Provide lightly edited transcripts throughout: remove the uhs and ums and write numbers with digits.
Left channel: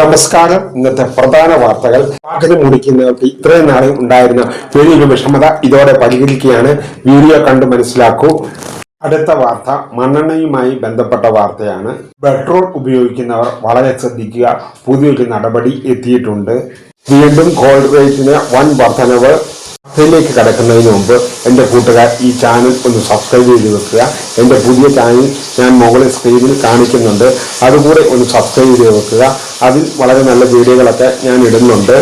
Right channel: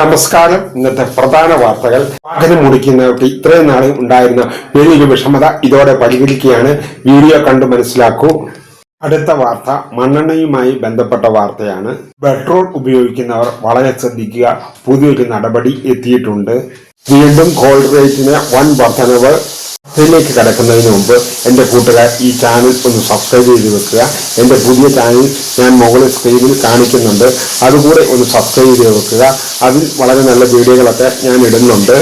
നമസ്കാരം. ഇന്നത്തെ പ്രധാന വാർത്തകൾ. വാഹനം ഓടിക്കുന്നവർക്ക് ഇത്രയും നാളിൽ ഉണ്ടായിരുന്ന വലിയൊരു വിഷമത ഇതോടെ പരിഹരിക്കുകയാണ്. വീഡിയോ കണ്ട് മനസ്സിലാക്കൂ. അടുത്ത വാർത്ത മണ്ണെണ്ണയുമായി ബന്ധപ്പെട്ട വാർത്തയാണ്. പെട്രോൾ ഉപയോഗിക്കുന്നവർ വളരെ ശ്രദ്ധിക്കുക. പുതിയൊരു നടപടി എത്തിയിട്ടുണ്ട്. വീണ്ടും ഗോൾഡ് റേറ്റിന് വൻ വർധനവ്. അതിലേക്ക് കടക്കുന്നതിന് മുമ്പ് എൻ്റെ കൂട്ടുകാർ ഈ ചാനൽ ഒന്ന് സബ്സ്ക്രൈബ് ചെയ്ത് വെക്കുക. എൻ്റെ പുതിയ ചാനൽ ഞാൻ മുകളിൽ സ്ക്രീനിൽ കാണിക്കുന്നുണ്ട്, അതുകൂടെ ഒന്ന് സബ്സ്ക്രൈബ് ചെയ്ത് വെക്കുക. അതിൽ വളരെ നല്ല വീഡിയോകളൊക്കെ ഞാൻ ഇടുന്നുണ്ട്.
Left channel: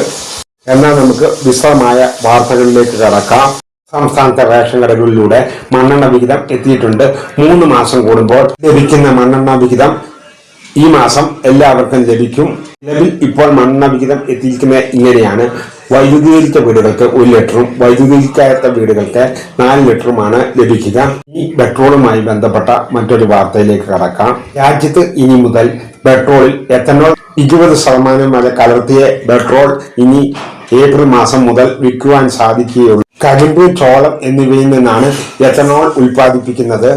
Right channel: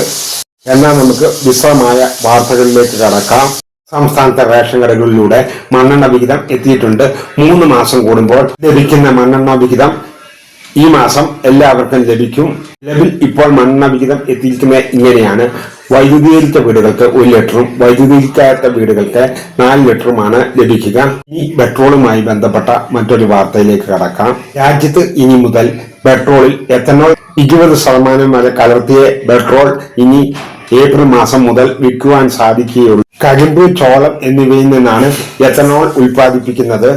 എന്നാൽ നമുക്ക് വിശദമായ വാർത്തകളിലേക്ക് കടക്കാം. സംസ്ഥാനത്തെ റേഷൻ കടകളിലൂടെ മണ്ണെണ്ണ വിഹിതം എത്തിയിട്ടുണ്ട്. 3 മാസം കൂടുമ്പോൾ ലഭിക്കുന്ന മണ്ണെണ്ണ വിഹിതം ഈ മാസം എല്ലാവർക്കും ലഭിക്കും. നിലവിൽ ഇപ്പോൾ മണ്ണെണ്ണ വിഹിതം എത്തിയിരിക്കുന്നത് ഇങ്ങനെയാണ്. വൈദ്യുതീകരിച്ച വീടുകൾക്ക് 1 ലിറ്ററും വൈദ്യുതീകരിക്കാത്ത വീടുകൾക്ക് 4 ലിറ്ററുമാണ് ലഭിക്കുക. ഈ പെട്രോളുമായി ബന്ധപ്പെട്ട മറ്റൊരു വാർത്തയിലേക്ക് കടക്കാം. രാജ്യത്ത് ഇനി മുതൽ പെട്രോളിൽ എത്തനോൾ 20% വരെ കലർത്തിയ പെട്രോൾ ഇനി ഏപ്രിൽ മാസം മുതൽ വിൽക്കുവാൻ സാധിക്കുകയുള്ളൂ. കരിമ്പ്, ചോളം എന്നിവയിൽ നിന്നാണ് എത്തനോൾ ഉൽപ്പാദിപ്പിക്കുന്നത്.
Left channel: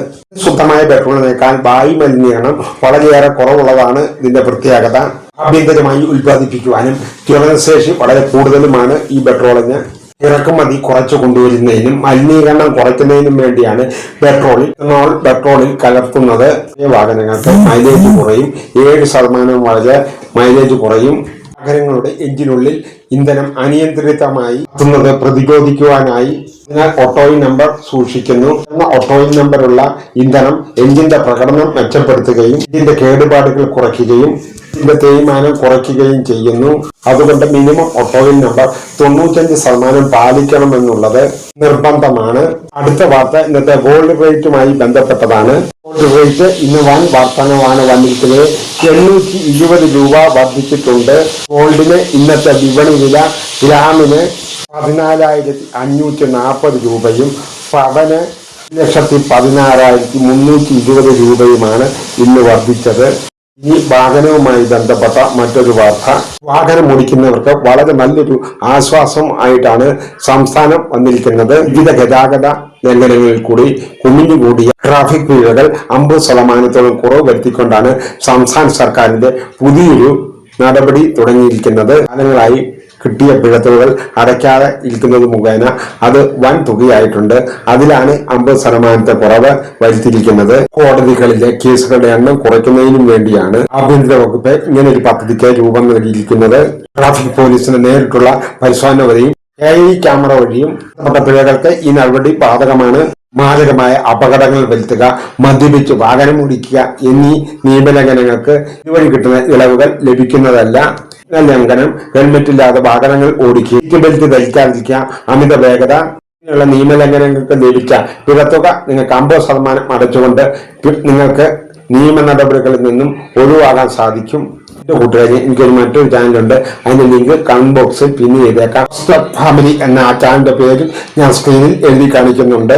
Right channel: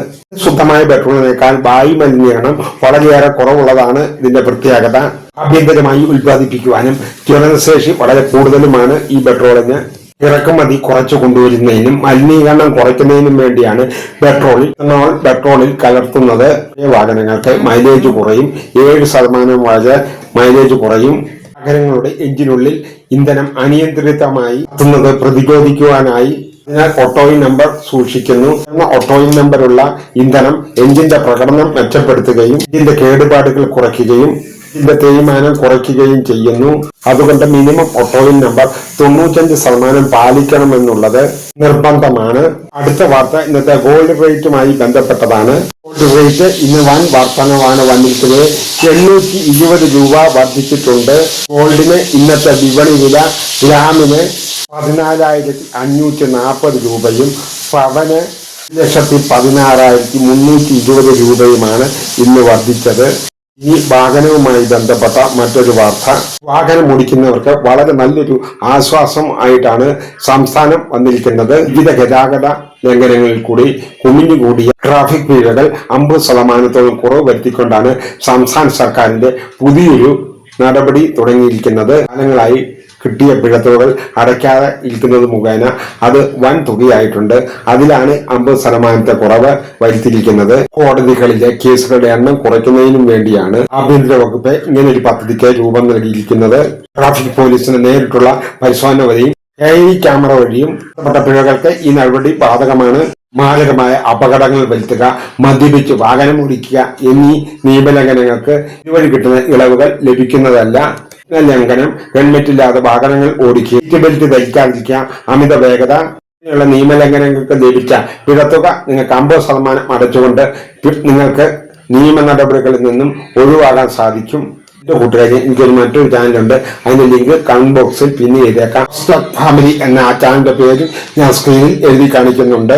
ശുദ്ധമായ പെട്രോളിനേക്കാൾ വായു മലിനീകരണം വളരെയേറെ കുറവുള്ളതാണ് ഇതിന്റെ പ്രത്യേകത. ആഭ്യന്തരമായി ഉൽപ്പാദിപ്പിക്കുവാനും ജ്വലനശേഷി വളരെ കൂടുതലുമാണ് ഈ പെട്രോളിന്. ഇറക്കുമതി കുറച്ചു കൊണ്ടുവരുന്നതിനും മലിനീകരണം കുറയ്ക്കുന്നതിനും വേണ്ടിയാണ് പെട്രോളിൽ കലർത്തുന്നത്. വാഹനങ്ങൾക്ക് മൈലേജ് കുറയും. 7% വരെ മൈലേജ് കുറയും. വാഹനങ്ങളുടെ എഞ്ചിനുള്ളിൽ ഇന്ധനം അനിയന്ത്രിതമായി എത്തുന്നത് പ്രതിരോധിക്കുവാനായി ഓട്ടോയിൻ നമ്പർ സൂക്ഷിക്കുന്നു. ഓട്ടോയിൻ നമ്പറുള്ള ഇന്ധനം എഞ്ചിന്റെ പ്രകടനം മെച്ചപ്പെടുത്തുകയും ഇതിന്റെ കേടുപാടുകൾ കുറയ്ക്കുകയും ഇതിന്റെ തേയ്മാനം കുറയ്ക്കുകയും ചെയ്യുന്നു. അതുകൊണ്ട് മിനിമം ഓട്ടോയിൻ നമ്പർ 95% പാലിക്കണമെന്നുള്ളത് നിർബന്ധമാണ്. അടുത്ത വാർത്ത ഇന്നത്തെ ഗോൾഡ് റേറ്റുമായി ബന്ധപ്പെട്ടതാണ്. ഗോൾഡ് റേറ്റ് ഇന്ന് വൻ വർധനവാണ് വന്നിരിക്കുന്നത്. 820 രൂപ വർദ്ധിച്ചിട്ടുണ്ട്. ഗോൾഡിന് ഇന്നത്തെ വിപണി വില ഗ്രാമിന് 14,540 രൂപയും പവന് 1,16,320 രൂപയുമാണ് ഇന്ന് വർദ്ധിച്ചത്. ഈ വാഹനവുമായി ബന്ധപ്പെട്ട മറ്റൊരു വാർത്ത. വാഹനം ഓടിക്കുന്നവർക്ക് വളരെ നല്ലൊരു ആശ്വാസം ആയിട്ടാണ് സംസ്ഥാനം വന്നിരിക്കുന്നത്. വിവിധ ഗതാഗത ലംഘനങ്ങളിൽ കൂടി കുമിഞ്ഞുകൂടിയ ട്രാഫിക് പിഴകൾ 50% കുറവ് വരുത്തിക്കൊണ്ടാണ് സംസ്ഥാന സർക്കാരിന്റെ പുതിയൊരു നടപടി തുടങ്ങിയിരിക്കുന്നത്. കാലങ്ങളായി കിട്ടിയ പിഴത്തുകൾ അടയ്ക്കാതെ ഇരിക്കുന്നത് മുഖേന അത് വൻ തുകയായിട്ടുണ്ട്. അതിലാണ് 50% കുറവ് വരുത്തിയിരിക്കുന്നത്. കോടതികളിലെ കേസുകളുടെ എണ്ണം കുറയ്ക്കുന്നതിനും വേണ്ടിയാണ് ആഭ്യന്തര വകുപ്പ് ഇങ്ങനൊരു പദ്ധതിക്ക് രൂപം നൽകിയിരിക്കുന്നത്. ട്രാഫിക് പോലീസിന് നേരിട്ടുള്ള പരിശോധന വഴിയും AI ക്യാമറ വഴിയും പിഴകൾക്ക് ഈ നടപടി ബാധകമാണ്. മാരകമായ അപകടങ്ങൾ വരുത്തുക, മദ്യപിച്ച് വാഹനം ഓടിക്കുക എന്നീ നിയമലംഘനങ്ങൾക്ക് ഇതുവഴി കിട്ടുന്ന ഇളവുകൾ ലഭിക്കുന്നതല്ല. ലംഘനം, ഹെൽമെറ്റില്ലാതെ വാഹനങ്ങൾ ഓടിക്കുക, സീറ്റ് ബെൽറ്റ് ധരിക്കാതിരിക്കുക, അമിത വേഗത ഇങ്ങനെയുള്ള നിയമലംഘനങ്ങൾക്ക് ലഭിച്ച പിഴത്തുക നിങ്ങൾക്ക് 50% അടച്ചുകൊണ്ട് നിങ്ങൾക്ക് നിയമ നടപടികളിൽ നിന്നും ഒഴിവാകാൻ സാധിക്കും. എന്റെ കൂട്ടുകാരെ, എനിക്കൊരു മറ്റൊരു ചാനലുണ്ട്. അതിന്റെ ലിങ്ക് കമന്റ് ബോക്സിൽ പിൻ ചെയ്തേക്കാം. ഫാമിലി എന്ന ആ ചാനലിന്റെ പേര് ഞാൻ സ്ക്രീനിൽ എഴുതി കാണിക്കുന്നുണ്ട്.